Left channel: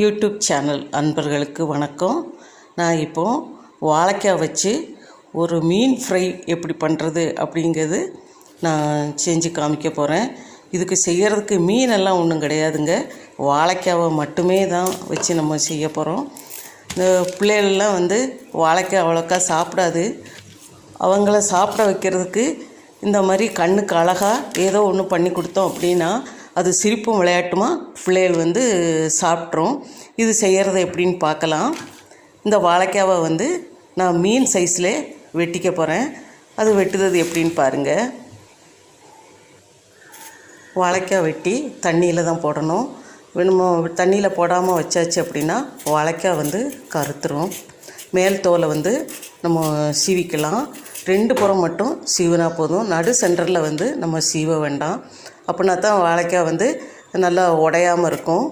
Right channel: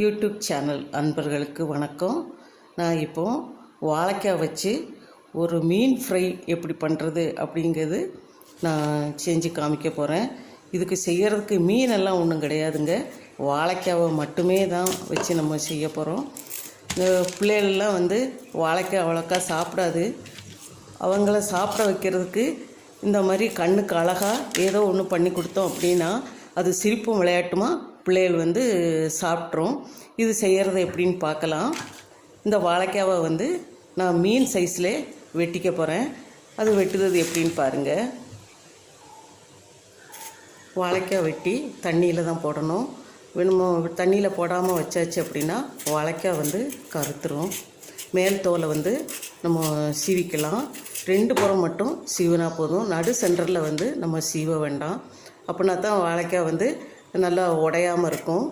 YouTube channel அன்பர்களுக்கு வணக்கம். நான் இப்போது வாழைக்காய் வச்சு ஒரு மீன் ஃப்ரை எப்படி பண்ணுறது அப்படிங்கிறது நான் செஞ்சு காமிக்க போகிறேன் இதுக்கு செய்கிறதுக்கு மீனெல்லாம் ஒன்றும் கிடையாதுங்க. வாழைக்காவை மட்டுமே தான் வச்சு நம்ம செய்ய போகிறோம் இந்த பிள்ளைகள்லாம் வந்து வாழைக்காய் அவ்வளோக்கா சாப்பிடாது. அவங்கள சாப்பிட வைக்கிறதுக்கு இந்த மாதிரி கண்ணுக்கு அழகாக ஏதோ ஒன்று பண்ணி கொடுத்தோம் அப்படின்னா அது சிரிப்பும் விளையாட்டுமா? பிள்ளைகள் வந்து சாப்பிட்ரும். இது செய்கிறது எப்படின்னு பார்க்கலாம். இந்த வாழைக்காவை வந்து நான் மீன் சைஸில் வெட்டிக்க போகிறேன் அது வெட்டுறது எப்படின்னு பாருங்கள் வாழைக்காய் வெட்டி தண்ணியில் தான் போடணும். வேணுமோ? தண்ணியில் போடாமல் வச்சாச்சு அப்படின்னா வாழைக்காய் வந்து கருத்துரும். மேல் தோலை வந்து நம்ம சீவிக்கலாம். ரெண்டு புறம் மட்டும் சீவினா போதும். நடு சென்டரில் வந்து நம்ம சீவ வேண்டாம். அப்படின்னா தான் வாழைக்காய் வந்து நல்லா உடையாமல் இருக்கும்.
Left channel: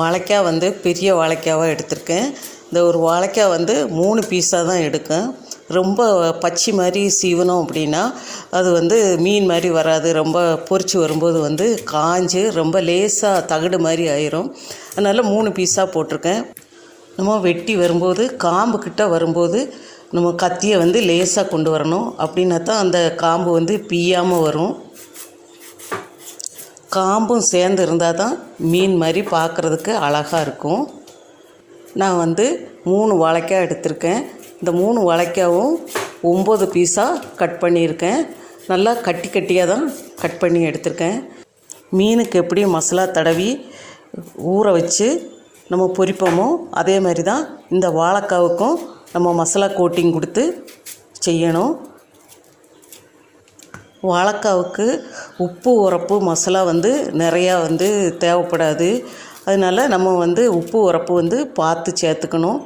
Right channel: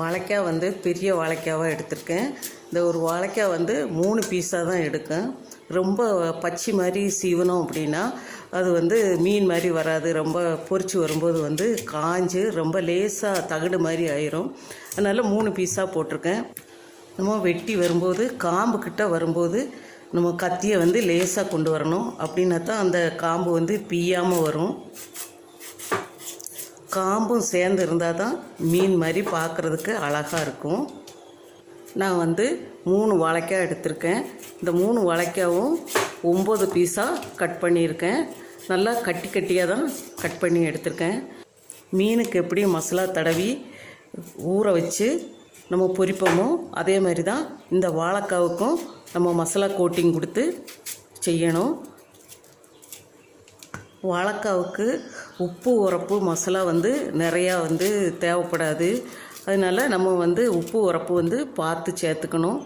வாழைக்காய் வந்து பெரிய வாழைக்காவாக எடுத்திருக்கேன். இந்த ஒரு வாழைக்காய் வந்து மூணு பீஸாக தான் எடுக்கும் ரொம்ப பச்சை மாதிரி சீவனம் அப்படின்னா அது வந்து மீன் மாதிரி வராது. ரொம்ப பொறிச்சு வரும்போது வந்து காஞ்சு ரொம்ப லேசாக தகடு மாதிரி ஆயிரும். அதனால் மூணு பீஸாக போட்டிருக்கேன். நம்ம வெட்டி வரும்போது காம்பு கிட்ட வரும்போது நம்ம கத்தியை வந்து லேசாக கொண்டு வரணும். அப்படின்னா தான் அந்த காம்பு வந்து பீயாமல் வரும். காம்பும் சேர்ந்து இருந்தால் தான் மீன் மாதிரி பார்க்குறதுக்கு அழகாக இருக்கும். நான் வந்து மூணு வாழைக்காய் எடுத்திருக்கேன். இந்த மூணு வாழைக்காவும் ஒம்பது பீஸாக கட் பண்ணியிருக்கேன். நல்லா கட்டி கட்டியாக தான் கட் பண்ணி எடுத்திருக்கேன். மீனுக்கு எப்படி மசாலா தடவி ஊற வச்சு நம்ம பொரிப்போமோ அதே மாதிரி தான் இந்த வாழைக்காவுக்கும் நம்ம மசாலா கோட்டிங் கொடுத்து செய்யணும். வாழைக்காவுக்கு உப்பு உரப்பு மசாலா வந்து நிறையா வந்து தேவைப்படாது. அதனால் நம்ம வந்து உப்பு உரப்பு வந்து பார்த்து சேர்த்துக்கணும்.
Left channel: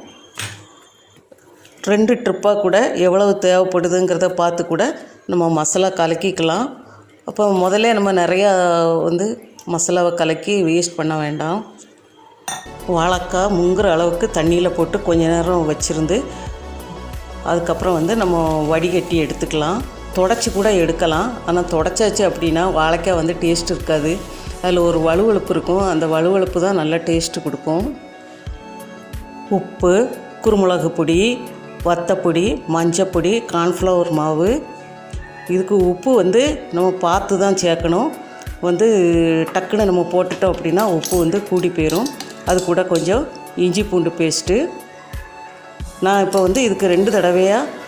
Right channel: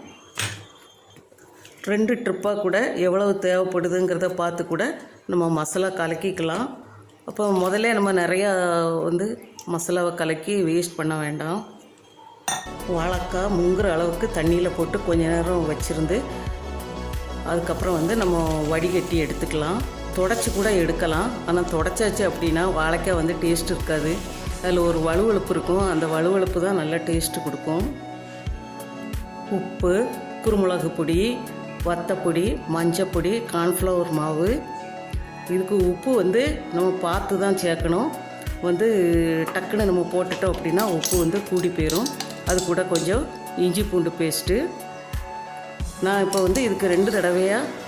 ரெண்டு ட்ரிப்பாக கூட எவ்வளவு தேவைப்படுதுங்கிறத பார்த்து கூட நம்ம மசாலா கலக்கிக்கலாம். அப்போ முதல்ல நம்ம நிறையா வந்து மசாலாவை கலக்கி வேஸ்ட் பண்ண வேண்டாம். வாழைக்காய் முங்குற அளவுக்கு தண்ணியில் போட்டு கொஞ்ச நேரம் வச்சுருந்து அதுக்கப்புறம் வந்து நம்ம வடிகட்டி எடுத்துக்கலாம். தொடச்சி கூட எடுக்கலாம். ஆனால் தொடச்சாச்சு அப்படின்னா வாழைக்காய் வந்து டேஸ்ட் இருக்காது. அதில் ஒரு வலுவழுப்பு இருக்கும். அந்த வலுவழுப்பு தான் நல்ல டேஸ்ட்டு கொடுக்கும். உப்பு குருமிளகு பொடி வத்தப்பொடி மஞ்சப்பொடி கார்ன்ஃப்ளவர் மாவு. இதுக்கு உப்பு வந்து நம்ம பார்த்து தான் சேர்க்கணும். வந்து டக்குன்னு நம்ம போட்டுட்டோம் அப்படின்னா உப்பு வந்து கூடி போயிடும் அது கூட கொஞ்சம் இஞ்சி பூண்டு பேஸ்ட்டு. நான் இப்போ வந்து இதுக்கு ரெண்டு தடவையாக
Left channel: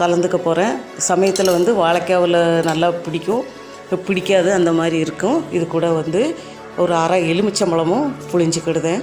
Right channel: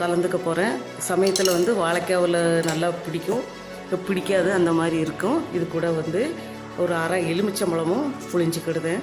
கலந்துக்க போகிறேன் சமயத்தில் வந்து வாழைக்காவில் நல்லா பிடிக்கும். பிடிக்காது அந்த மாதிரி இருக்கும். இது கூட வந்து ஒரு அரை எலுமிச்சம்பழமும் புழிஞ்சிக்கிடுதேன்.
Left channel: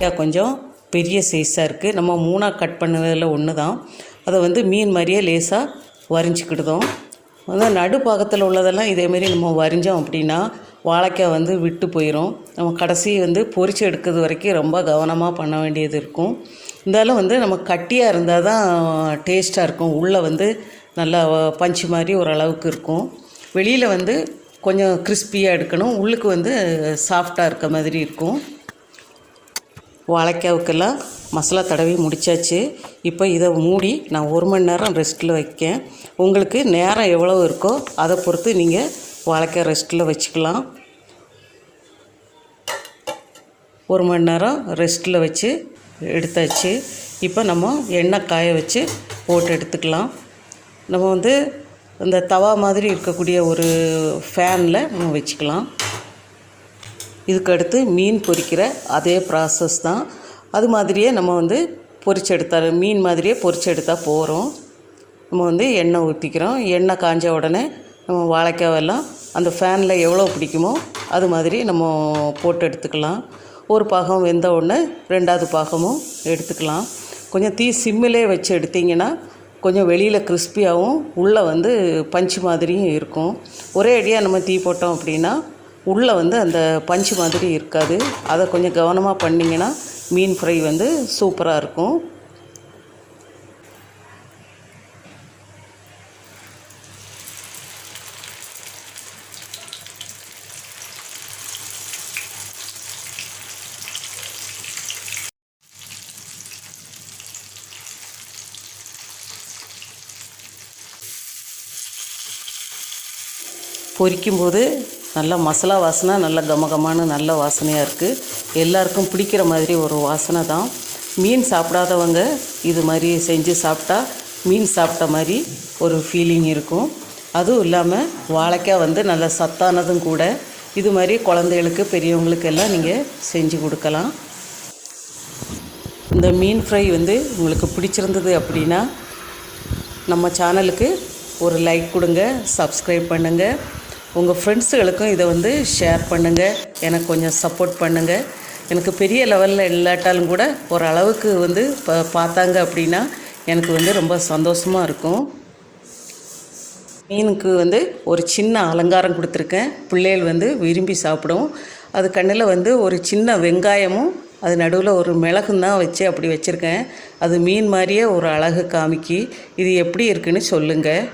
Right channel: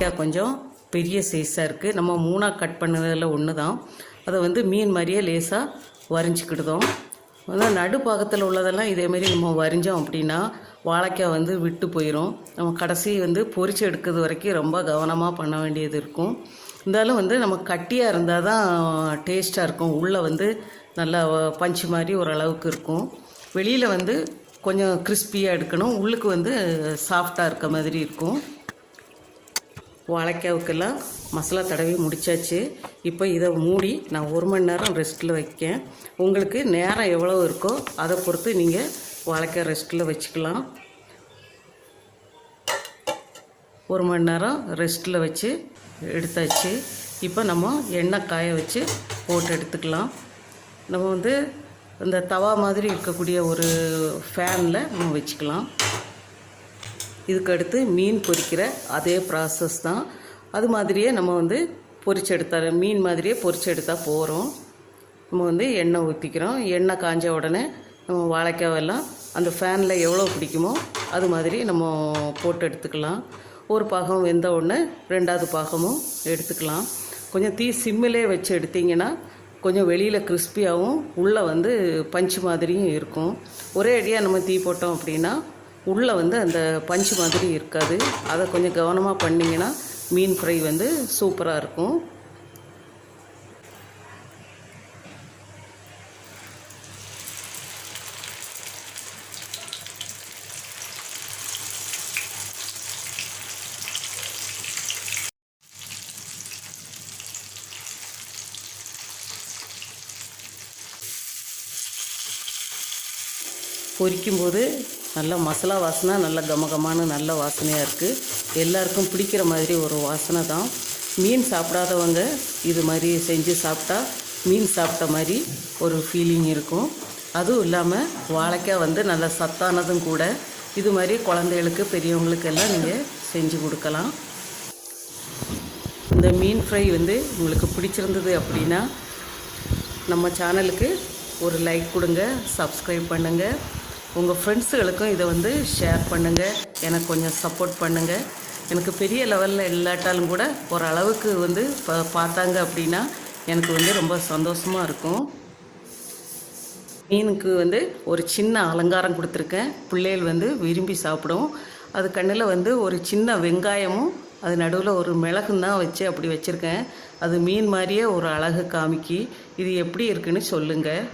கொஞ்சம் பெரிய சைஸாக இருக்குது நம்ம மூணாக கட் பண்ணதில் ஒன்று தான் அதை வந்து மீன் மாதிரியே லேசாக வரைஞ்சிக்கிடுதோம். அதான் நடுப்பாகத்தில் உள்ளதெல்லாம் இதேமாரி நம்ம வரைஞ்சோம் அப்படின்னா வாழைக்காய் வந்து விட்டு போயிடும் நம்ம கடைசி வந்து பொறிச்சு எடுக்கிறது வரைக்கும் ரொம்ப கவனமாக பண்ண வேண்டியது இருக்கும். இருந்தாலும் வந்து நம்ம கட்டியாக இருந்தால் தான் டேஸ்ட்டாக இருக்கும். உள்ளே வந்து நல்லா பஞ்சு மாதிரி ஓரளவுக்கு இருக்கும். வெளியில் வந்து கொஞ்சம் கிறிஸ்பியாக எடுக்கணும். உள்ளுக்கு வந்து சாஃப்டாக இருக்க மாதிரி இருக்கும். வாழைக்காவுக்கெல்லாம் மசாலா தடவி முடிச்சாச்சு. இப்போ இதை மூடி நான் ஒரு மணி நேரம் ரெஸ்ட்டில் வைக்கேன். உங்களுக்கு நேரம் எவ்வளோ இருக்கோ அதை பொறுத்து நீங்கள் வாழைக்காய் ரெஸ்ட்டில் வச்சுக்கலாம். ஒரு மணி நேரம் ரெஸ்ட்டில் வச்சு எடுத்தாச்சு. இப்போ நம்ம எண்ணெய் காய வச்சு போட்டு எடுத்துக்கலாம். நம்ம வந்து இந்த தவா மாதிரி இருக்கக்கூடிய ஒரு ஃபேனில் நம்ம வச்சுக்கலாம். இதுக்கு அடுத்து மீன் பொரிக்கிற அதே ப்ராசஸ் தான். அது மாதிரியே நம்ம வந்து பொரிச்சு எடுத்தால் மீன் மாதிரியே பொரிச்சு எடுத்தால் போகிறோம் நம்ம வந்து எண்ணெய் ஊற்றிக்கிறோம் எண்ணெய் காஞ்ச உடனே நம்ம வாழைக்காவெல்லாம் அந்த ஃபேனில் எவ்வளோ பிடிக்குமோ அது மாதிரி நம்ம போட்டு எடுத்துக்கலாம். ஒரு பாகம் வெந்த உடனே ரெண்டாவது பாகமும் எடுத்துக்கலாம். கொஞ்சம் தீ சிம்மிலே வச்சு எடுத்திங்கன்னா கொஞ்சம் வெளியில் கிறிஸ்பியாகவும் உள்ளே வந்து பஞ்சு மாதிரியும் இருக்கும். ஒரே அடியாக நம்ம தீ போட்டோம் அப்படின்னா உள்ளே வந்து அந்த பஞ்சு மாதிரி இருக்காது. அதை கொஞ்சம் கவனமாக பண்ணிங்கன்னா மீன் ஃப்ரை வந்து சூப்பராக இருக்கும். பொரிக்கும்போது நல்லா மசாலா வாசனை நல்ல கமகமான நல்ல வாசனையாக இருக்குது எல்லாருக்கும் பிடிக்கிற மாதிரி ஒரு வாசனை தான். மீன் சாப்பிடாதவங்க இது மாதிரி செஞ்சு சாப்பிட்டா மீன் சாப்பிட்ட மாதிரி ஒரு ஃபீலிங் இருக்கும். அதுவும் இல்லாமல் வாழைக்காய் வந்து நல்ல சத்தானதும் கூட. இது மாதிரி குழந்தைகளுக்கு பெரியவங்களுக்கு எல்லாம் நீங்கள் செஞ்சு கொடுக்கலாம். இந்த மீன் ஃப்ரை வந்து உங்களுக்கு பிடிச்சிருந்தது அப்படின்னா நம்ம சேனலுக்கு ஒரு லைக் கொடுங்க சப்ஸ்கிரைப் பண்ணுங்கள் உங்கள் ஃப்ரெண்ட்ஸுகளுக்கும் இதை வந்து ஷேர் பண்ணுங்கள் எனக்கு கொஞ்சம் சப்போர்ட் பண்ணுங்கள் எனக்கு பெரிய லெவலில் இல்லாட்டாலும் கூட ஓரளவுக்கு வந்து ப பார்த்தாங்க அப்படின்னா எனக்கு வந்து ரொம்ப சந்தோஷமாக இருக்கும். மீனுக்கு வந்து ஒரு சின்ன அலங்காரம் கொடுத்துருக்கேன். பிள்ளைகள் வந்து விரும்பி சாப்பிடும். அது கண்ணில் வந்து ஒரு சின்ன வெங்காயமும் அது நடுவில் ஒரு மிளகும் தான் வச்சு அப்படி வச்சுருக்கேன். அது மீன் மாதிரியே ஒரு அழகு காமிக்கி இது எப்படி இருக்குன்னு சொல்லுங்கள்